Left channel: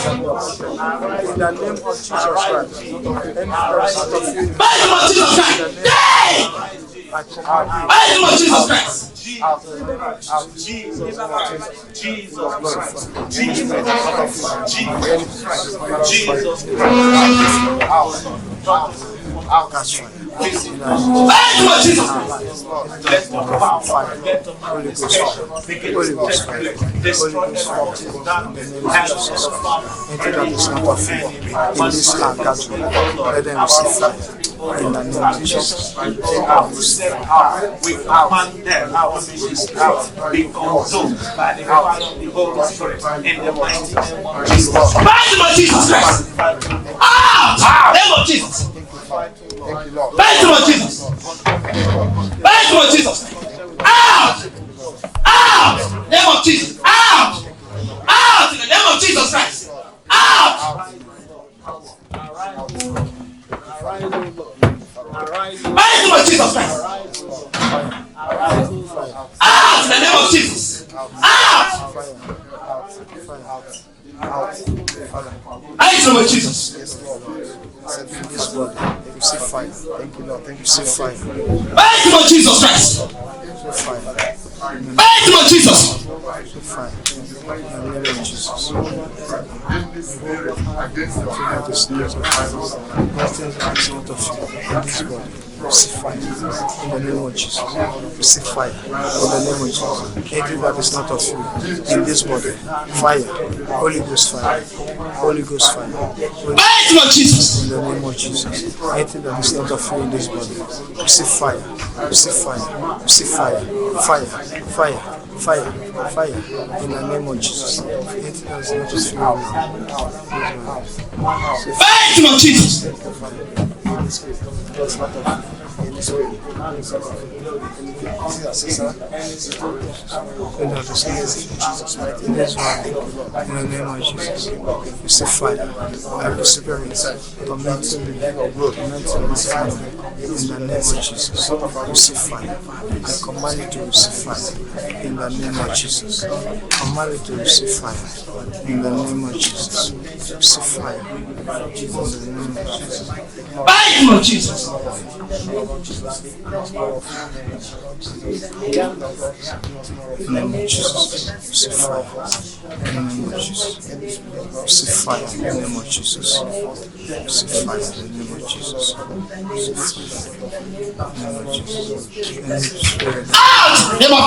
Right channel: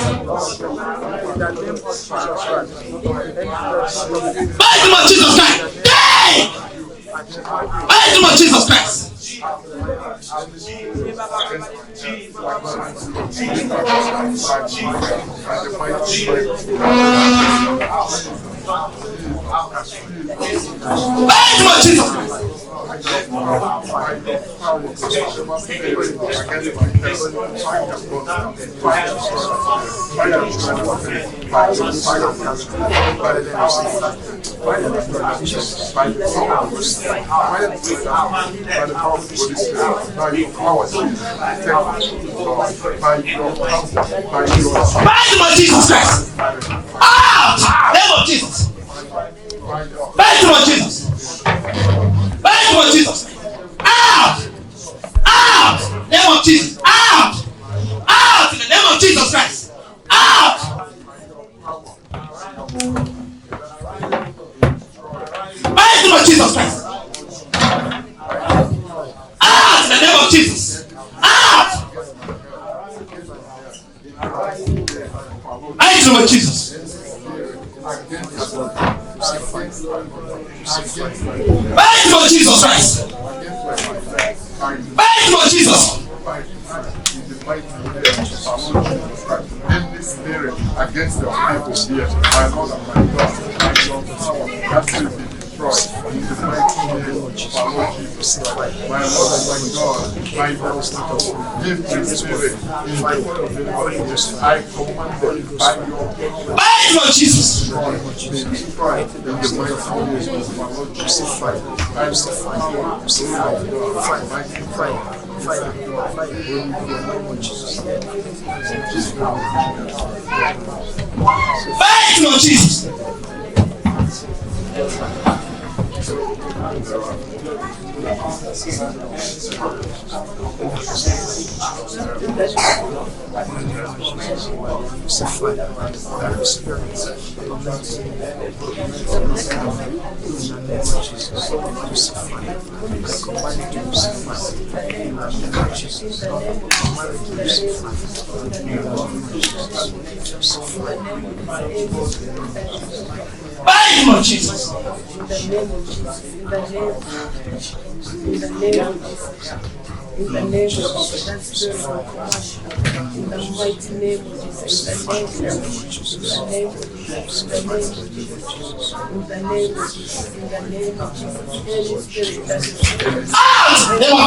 In the name of Jesus Christ. By the name of Jesus Christ. By the name of Jesus Christ. Jesus Christ. Name of Jesus. Name of Jesus. Name of Jesus. Out! Name of Jesus. Out! In the name of Jesus Christ. Out! Name of Jesus Christ. In the name of Jesus. Name of Jesus. Name of Jesus Christ. Name of Jesus. Against the crucify in the name of Jesus. Crucify in the name of Jesus. Anything that is not of you in this body, fire, Holy Ghost fire, Holy Ghost fire. In the name of Jesus. Anything that is not of you in this body, crucify, fire. In the name of Jesus. Anything that is not of you.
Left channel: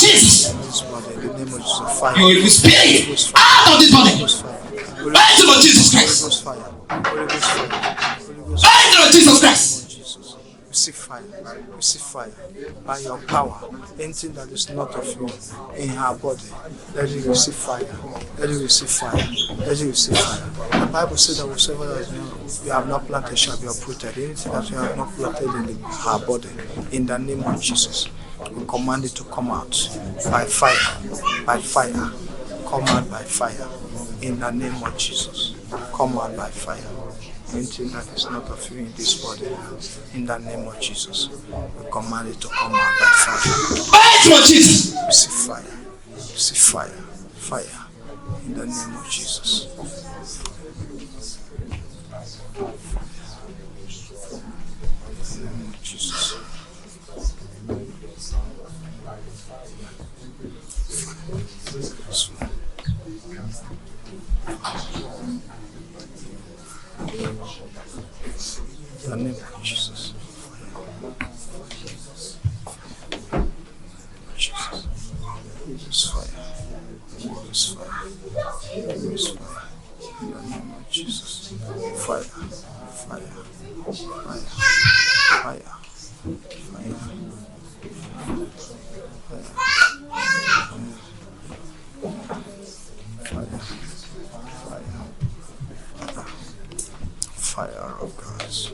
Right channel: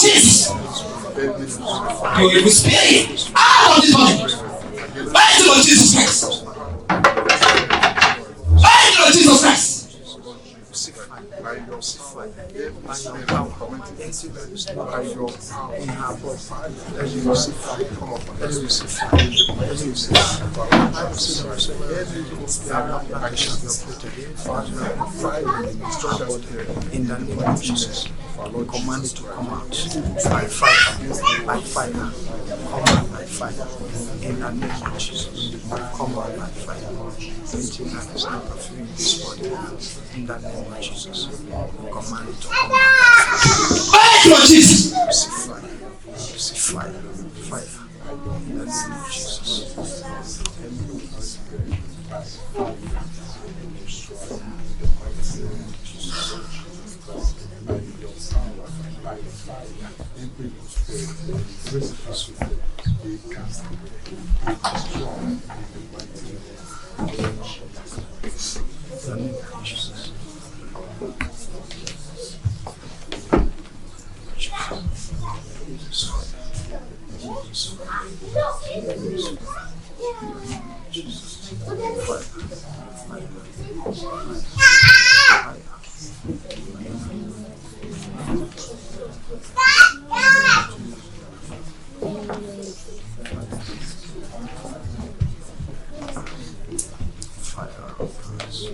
Jesus. You will be spirit out of this body. By the name of Jesus Christ. By the name of Jesus Christ. Receive by your power. Anything that is not of you in her body, let it receive fire. Let it receive fire. Let it receive fire. The Bible says that whatsoever you have not planted shall be uprooted. Anything that you have not planted in her body, in the name of Jesus, we command it to come out by fire. By fire. Come out by fire. In the name of Jesus. Come out by fire. Anything that is not of you in this body, in the name of Jesus, we command it to come out by fire. By the name of Jesus. Receive fire. Receive fire. Fire. In the name of Jesus. In the name of Jesus. Jesus fire. Jesus fire. Jesus fire. In the name of Jesus. Fire. Fire. Fire. Fire. Fire of Christ.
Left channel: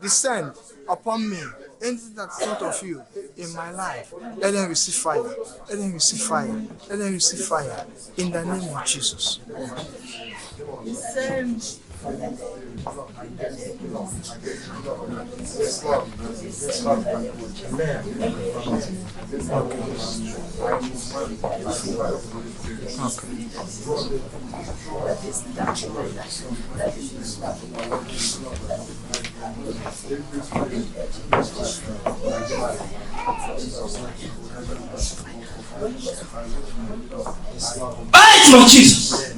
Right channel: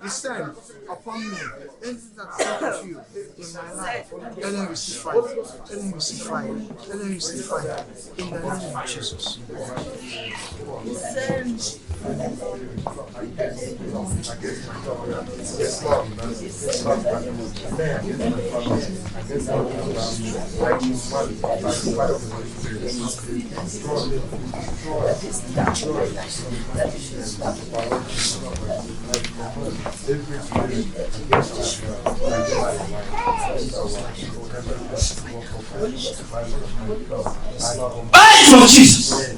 Descend upon me Anything that's not of you in my life, let them receive fire. Let them receive fire. Let them receive fire. In the name of Jesus. Mighty of Jesus.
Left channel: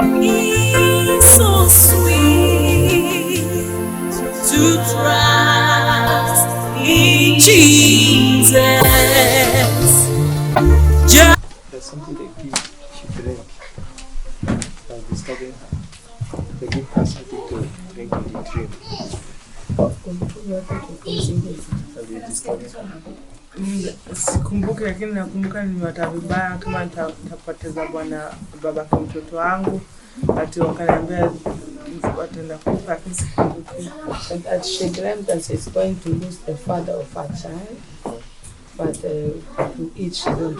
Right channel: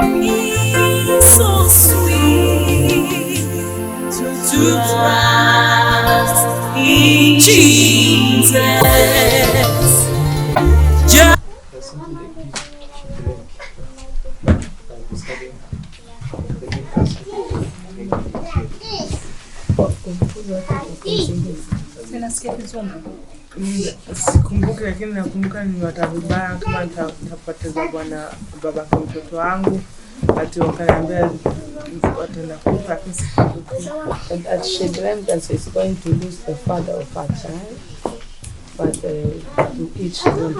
It's so sweet to trust in Jesus. There's something they give to drink. Like we study, they give us something to drink in the drink. Sikumbuki, lakini nakumbuka nimepata vibaya kama nitapoteza babake mtoto wangu, ati wakaniambia wataenda kufa, lakini sikumbuki. And she dreamt that she's going to lose the father of her child, but to each one.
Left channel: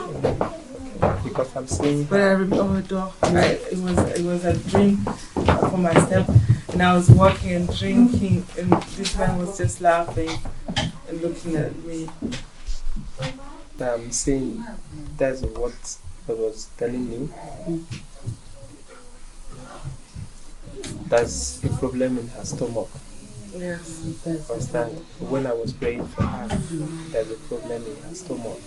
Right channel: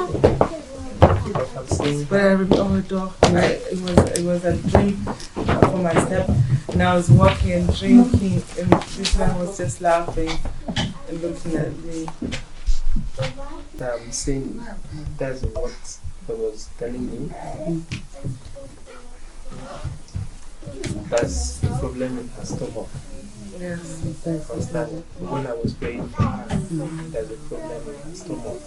Because I'm saying, But I remember, it was a dream for my step, and I was walking and drinking, and this man was just laughing and looking at me. I'm saying that's what I was telling me. That's the problem in her stomach. Yes. Understand? When I was praying for her, there's a problem in her stomach.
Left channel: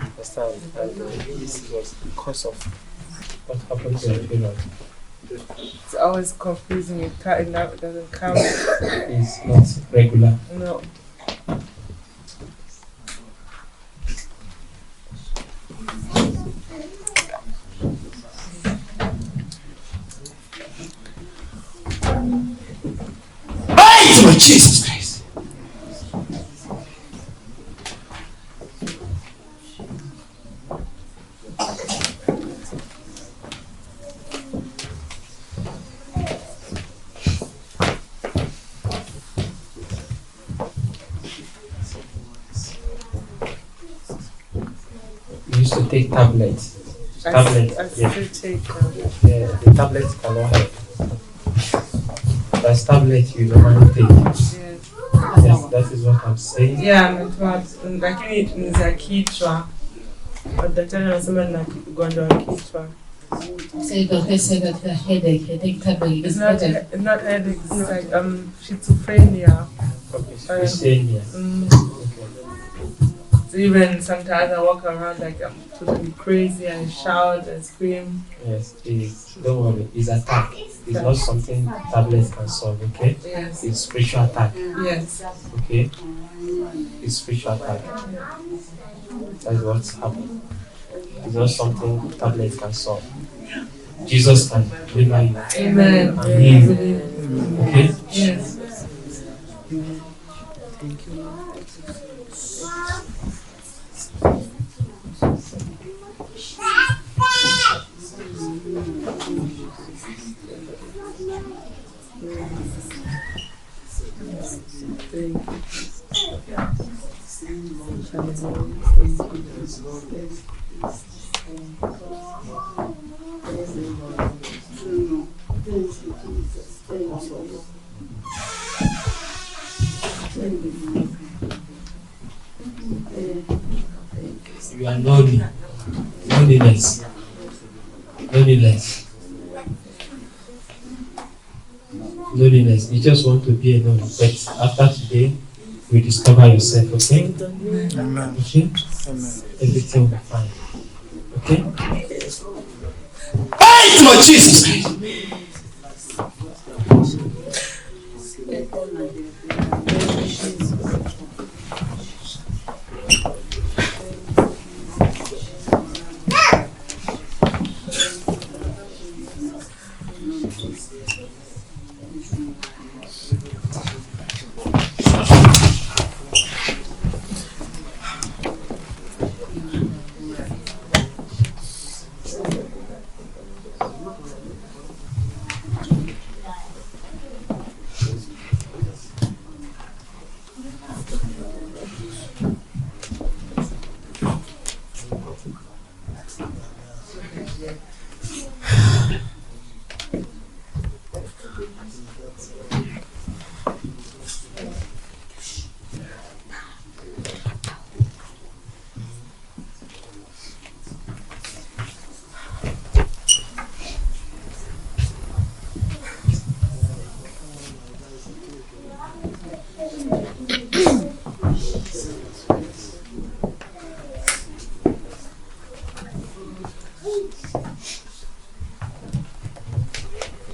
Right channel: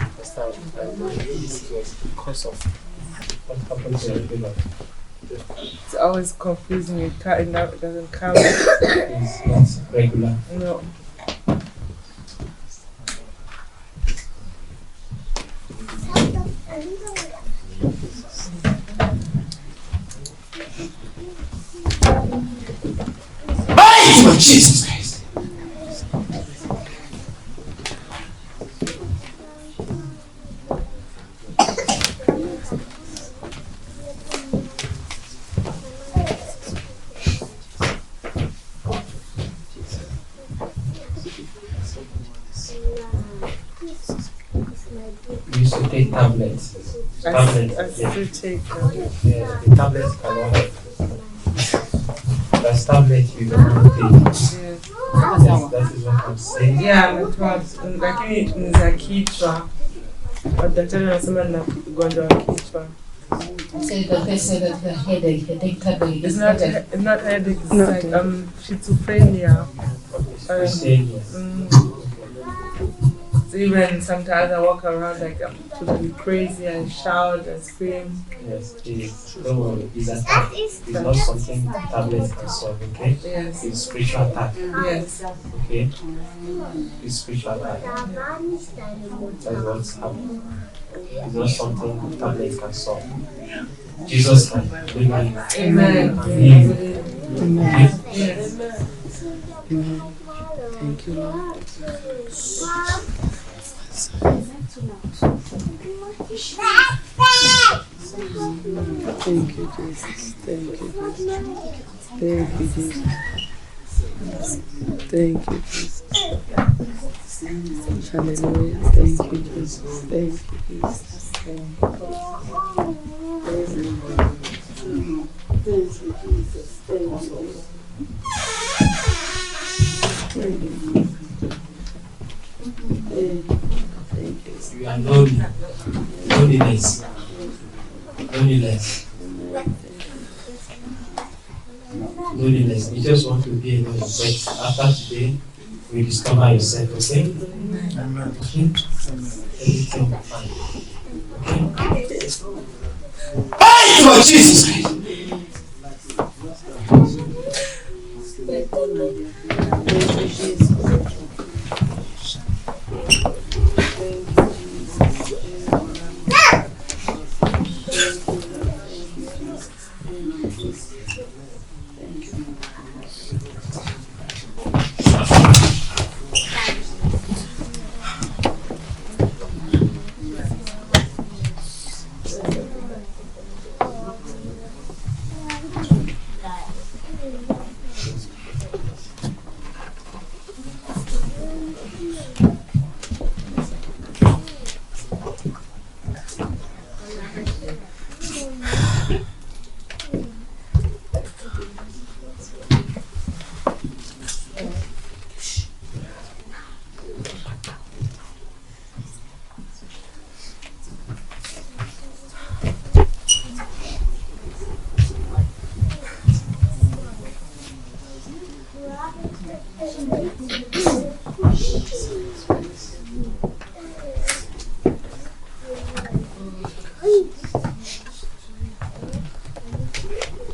Understand? And this was because of what happened to her blood. It's always confusing. It doesn't come. It's not regular. No. Mighty of Jesus Christ. We used to take tablets. I still take Yeah, the tablets cannot help. That's tablet you normally take. yes. Yes, that is what I'm saying. Yeah, lakini ni za kichwa. Daktari anasema nina ugonjwa wa kichwa. So the doctor said that the headache tablet. It's not headache, it's like schizophrenia. Okay, schizophrenia. So even sometimes I walk around like I'm totally crazy and shout and scream. Yes, don't worry, it's attack. It's not something tablets can solve, okay? Yes. It's spiritual attack, Yes. okay? It's spiritual attack. That's what's happening. It's not something tablets can solve. Jesus can deliver you. Amen. And heal you. Okay? Yes. Thank you, Lord. Thank you, Jesus. Thank you, Jesus. Thank you, Jesus. Hallelujah. Thank you, Jesus. Thank you, Jesus. Thank you, Jesus. You are lonely. Loneliness. Loneliness. You just want to be alone. But after today, you discover yourself, okay? Amen. Okay? Amen. Everything will be fine. Okay? Mighty of Jesus Christ.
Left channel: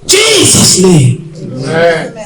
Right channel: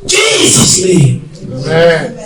Jesus' name. Amen.